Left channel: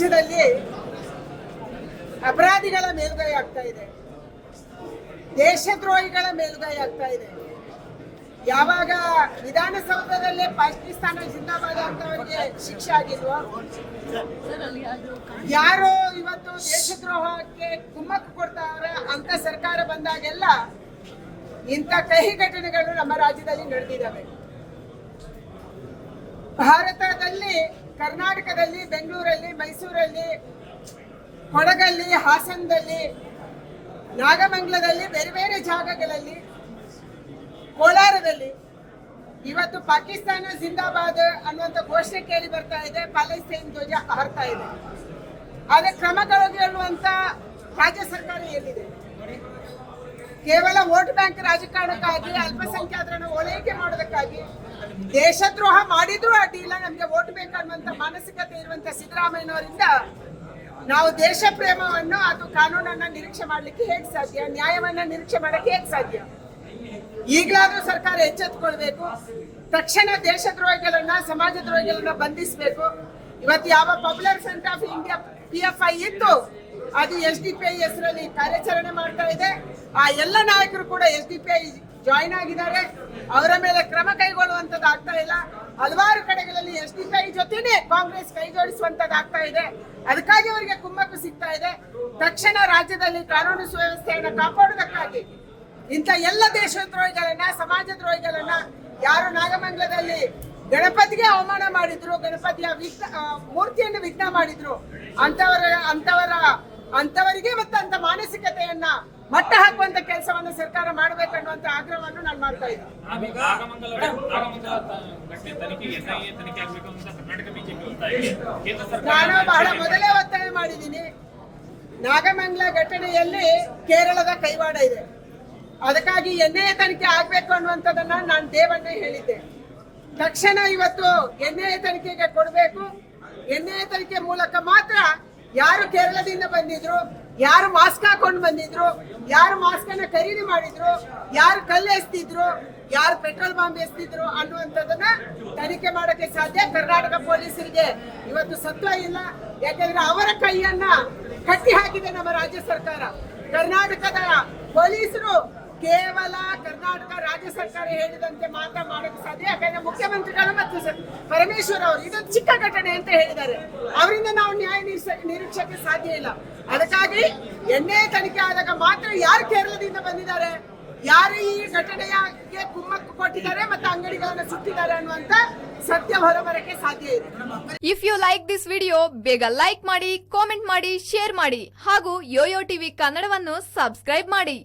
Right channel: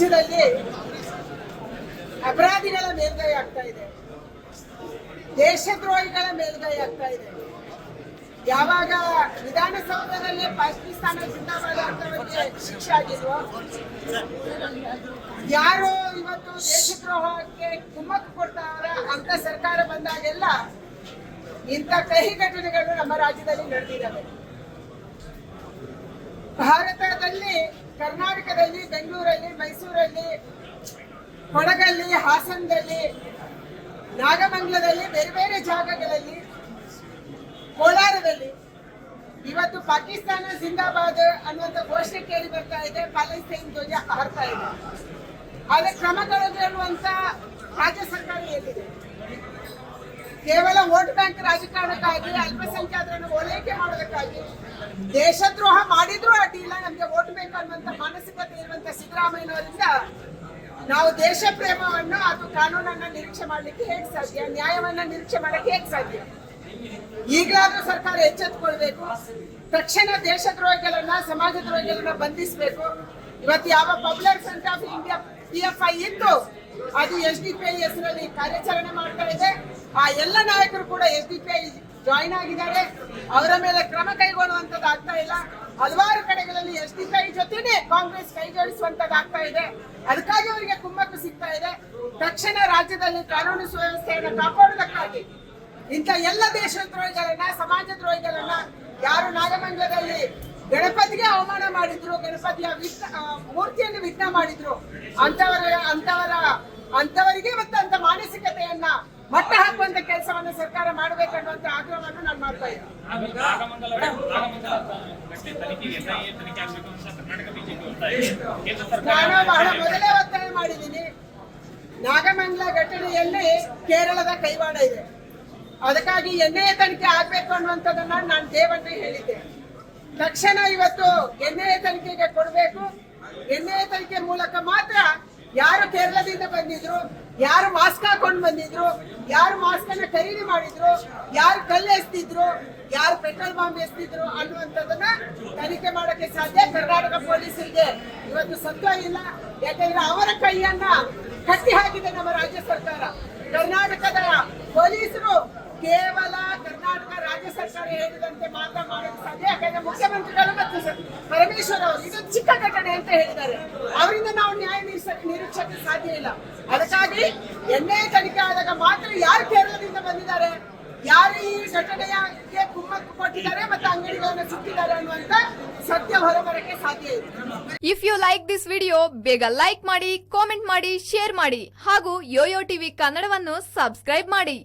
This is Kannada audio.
ರಾಜ್ಯದಲ್ಲಿ ಅಪರಾಧಿಗಳ ಮೇಲ್ಗೈ ಆಗ್ತಾ ಇದೆ. ದೇಶದ್ರೋಹಿಗಳ ಮೇಲ್ಗೈ ಆಗ್ತಾ ಇದೆ. ಯಾವಾಗ ವಿಧಾನಸೌಧದಲ್ಲಿ ಪಾಕಿಸ್ತಾನ ಜಿಂದಾಬಾದ್ ಅಂತವರಿಗೆ ಶಿಕ್ಷೆ ಆಗಿಲ್ವೋ ಯಾರು ಇವತ್ತು ದೇಶದ್ರೋಹಕ್ಕೆ ಕುಮ್ಮಕ್ಕು ಕೊಡ್ತಾರ ಅಂತ ಸರ್ಕಾರ ಬಂದಾಗೆಲ್ಲ ಇಂಥ ಕಹಿ ಘಟನೆಗಳು ನಮ್ಮ ರಾಜ್ಯದಲ್ಲಿ ನಡೆದಿದ್ದಾವೆ. ಭಾರತದಲ್ಲಿ ಕರ್ನಾಟಕದಲ್ಲಿ, ಬೆಂಗಳೂರಲ್ಲಿ, ಮೈಸೂರಲ್ಲಿ, ಕೊಡಗಲ್ಲಿ, ಹಾಸನದಲ್ಲಿ, ನಾಗಮಂಗಲದಲ್ಲಿ, ಬೇರೆ ಬೇರೆ ಜಾಗಗಳಲ್ಲಿ, ಕೋಲಾರದಲ್ಲಿ. ಇವತ್ತು ಪಾಕಿಸ್ತಾನ ಜಿಂದಾಬಾದ್ ಅನ್ನುವಂಥ ಘೋಷಣೆ ಕೇಳಿ ಬರ್ತಾ ಇದೆ ಪ್ಯಾಲೆಸ್ತೈನ್ ಧ್ವಜ ಹಾರ್ತಾ ಇದೆ. ಆದರೆ ಕ್ರಮಗಳು ಹೇಳುವಂತ ರಾಜ್ಯ ಸರ್ಕಾರ ಎಲ್ಲಿದೆ ಕೇವಲ ವೋಟ್ ಬ್ಯಾಂಕ್ ರಾಜಕಾರಣಕ್ಕಾಗಿ, ಅಲ್ಪಸಂಖ್ಯಾತರನ್ನು ಓಲೈಕೆ ಮಾಡೋದಕ್ಕಾಗಿ, ದೇಶದ್ರೋಹ ಮಾಡಿದ್ರೂ ಅಡ್ಡಿಲ್ಲ ನಮ್ಗೆ ವೋಟ್ ಬೇಕು ಅನ್ನುವಂತ ಮಾನಸಿಕತೆ ಇರುವಂತ ಸಿದ್ದರಾಮಯ್ಯನವರಿಂದ ನಾವು ದೇಶ ಪ್ರೇಮವನ್ನು ಅಥವಾ ಕಾನೂನನ್ನ ನಿರೀಕ್ಷೆ ಮಾಡ್ಲಿಕ್ಕೆ ಹೇಗೆ ಸಾಧ್ಯ? ನ್ಯಾಯವನ್ನ ನಿರೀಕ್ಷೆ ಮಾಡಕ್ಕೆ ಹೇಗೆ ಸಾಧ್ಯ? ಈಗಲಾದ್ರೂ ಸರ್ಕಾರ ಎಚ್ಚೆತ್ತುಕೊಳ್ಬೇಕು ತಕ್ಷಣ ದೇಶದ್ರೋಹಿಗಳನ್ನ ಸಮಾಜದ್ರೋಹಿಗಳನ್ನ ಬಂಧಿಸಬೇಕು. ಇವತ್ತು ಯಾವ popular front of India P F I ಇತ್ತು ಅದು ಎಸ್ ಡಿ ಪಿ ಐ ಹೆಸರಲ್ಲಿ ಕಾರ್ಯಾಚರಣೆ ಮಾಡ್ತಾ ಇದೆ. ಆ ಎಲ್ಲ ನಾಯಕರು ಕೂಡ S D P I join ಆಗಿದ್ದಾರೆ. ಅವರ ಮೇಲೆ ಕ್ರಮ ಕೈಗೊಳ್ಳುವಂತದ್ದು ಆಗ್ತಾ ಇಲ್ಲ. ಹಲವಾರು ಕಡೆಗಳಲ್ಲಿ ಎಸ್ ಡಿ ಪಿ ಐ ಜೊತೆನೆ ಕಾಂಗ್ರೆಸ್ ಕೈಜೋಡಿಸುವಂತದ್ದು ಆಗ್ತಾ ಇದೆ. ಅದಕ್ಕಾಗಿ ಅವರಿಗೆ ಕುಮ್ಮಕ್ಕು ಸಿಗ್ತಾ ಇದೆ. ತಕ್ಷಣ ರಾಜ್ಯದಲ್ಲಿ ಕಾನೂನು ಸುವ್ಯವಸ್ಥೆಯನ್ನು ಕಾಪಾಡುವುದಕ್ಕಾಗಿ ಇಂಥ ಎಲ್ಲ ದೇಶದ್ರೋಹಿಗಳನ್ನ ಸಮಾಜ ದ್ರೋಹಿಗಳನ್ನ ಯಾರು ನಾಗಮಂಗಲದಲ್ಲಿ ಗಣಪತಿಗೆ ಅವಮಾನ ಮಾಡಿದ್ರು, ಗಣಪತಿಯ ವಿಘ್ನ ಮೂರ್ತಿಯನ್ನು ವಿಘ್ನ ಮಾಡಿದ್ರು, ಅಂತವರ ಅಂತವರ ಅಂತವರಿಗೆ ಮತ್ತು ಅಂತ ಮಾನಸಿಕತೆಯನ್ನ ಮಟ್ಟ ಹಾಕುವಂತ ಕೆಲಸವನ್ನು ಸರ್ಕಾರ ಮಾಡಬೇಕನ್ನುವಂತ ಆಗ್ರಹವನ್ನು ನಾನು ಮಾಡ್ತಾ ಇದ್ದೀನಿ. ನಾನು ಬಹಳ ಮೊದಲೇ ಒತ್ತಾಯ ಮಾಡಿದ್ದೀನಿ. ನಾಗಮಂಗಲ ಘಟನೆಯಲ್ಲಿ ಕೇರಳದ ಕೈವಾಡ ಇದೆ. ಅದಕ್ಕಾಗಿ ಎನ್ಐಎ ತನಿಖೆ ಆಗ್ಬೇಕು ಅನ್ನುವಂಥದ್ದನ್ನ ನಾನು ದೇವಣ್ಣ ಹೇಳಿದ್ದೆ. ತಕ್ಷಣ ಇವತ್ತು ಎನ್ಐಎ ತನಿಖೆಗೆ ಕೊಡಬೇಕು. ಎನ್ಐಎ ತನಿಖೆ ಮೂಲಕ ಮಾತ್ರ ಯಾರು ಕೇರಳದಿಂದ ಬಂದಿದ್ರು, ಯಾರು ಮಾಸ್ಕ್ ಹಾಕೊಂಡು ಬಂದಿದ್ರು, ಯಾರು ಮಾಸ್ಕ್ ಅನ್ನ ಖರೀದಿ ಮಾಡಿದ್ರು, ಯಾರು ಕಲ್ಲು ಎಸ್ತಿದ್ರು, ಯಾರು ಪೆಟ್ರೋಲ್ ಬಾಂಬ್ ಎಸ್ತಿದ್ರು ಅನ್ನುವಂಥದ್ದನ್ನ ತನಿಖೆ ಮಾಡೋಕೆ ಸಾಧ್ಯ ಕರ್ನಾಟಕ ಪೊಲೀಸರಿಗೆ. ಇವತ್ತು ಸತ್ವ ಇಲ್ಲ, ಯಾಕಂದ್ರೆ ಅವರ ಕೈಯನ್ನ ಕಟ್ಟಿ ಹಾಕಿದೆ ನಮ್ಮ ರಾಜ್ಯ ಸರ್ಕಾರ. ಕರ್ನಾಟಕದ ಪೊಲೀಸರು ಕೇವಲ ಕರ್ನಾಟಕ ರಾಜ್ಯ ಸರ್ಕಾರ ಹೇಳಿದಂತೆ ಮಾತ್ರ ಮಾಡಕ್ಕೆ ಸಾಧ್ಯ. ಯಾಕಂದ್ರೆ ಮುಖ್ಯಮಂತ್ರಿಗಳು ಮತ್ತು ಪರಮೇಶ್ವರ್ ಅವರು ಇದು ಚಿಕ್ಕ ಘಟನೆ ಅಂತ ಹೇಳಿದ್ದಾರೆ. ಅವರಿಂದ ನಾವು ನ್ಯಾಯ ನಿರೀಕ್ಷಕ್ಕೆ ಸಾಧ್ಯ ಇಲ್ಲ. ಅದಕ್ಕಾಗಿ ಎಣ್ಣೆ ತನಿಖೆ ಆದಾಗ ಮಾತ್ರ ಯಾರು ಕೇರಳದಿಂದ ಬಂದಿದ್ದಾರೆ? ಯಾರು ಈ ಘಟನೆಯ ಕುಮ್ಮಕ್ಕು ಕೊಟ್ಟಿದ್ದಾರೆ ಮತ್ತು ಅಂಗಡಿಗಳನ್ನು ಸುತ್ತಿದ್ದಾರೆ ಅನ್ನುವಂತ ಸತ್ಯ ಹೊರಬರಕ್ಕೆ ಸಾಧ್ಯ ಇದೆ if you like this video ಬೇಗ ಲೈಕ್ ಮಾಡಿ ಕಾಮೆಂಟ್ ಮಾಡಿ ಶೇರ್ ಮಾಡಿ ಹಾಗೂ ಯೋಯೋ ಟಿವಿ ಕನ್ನಡವನ್ನು ಸಬ್ಸ್ಕ್ರೈಬ್ ಮಾಡಿ.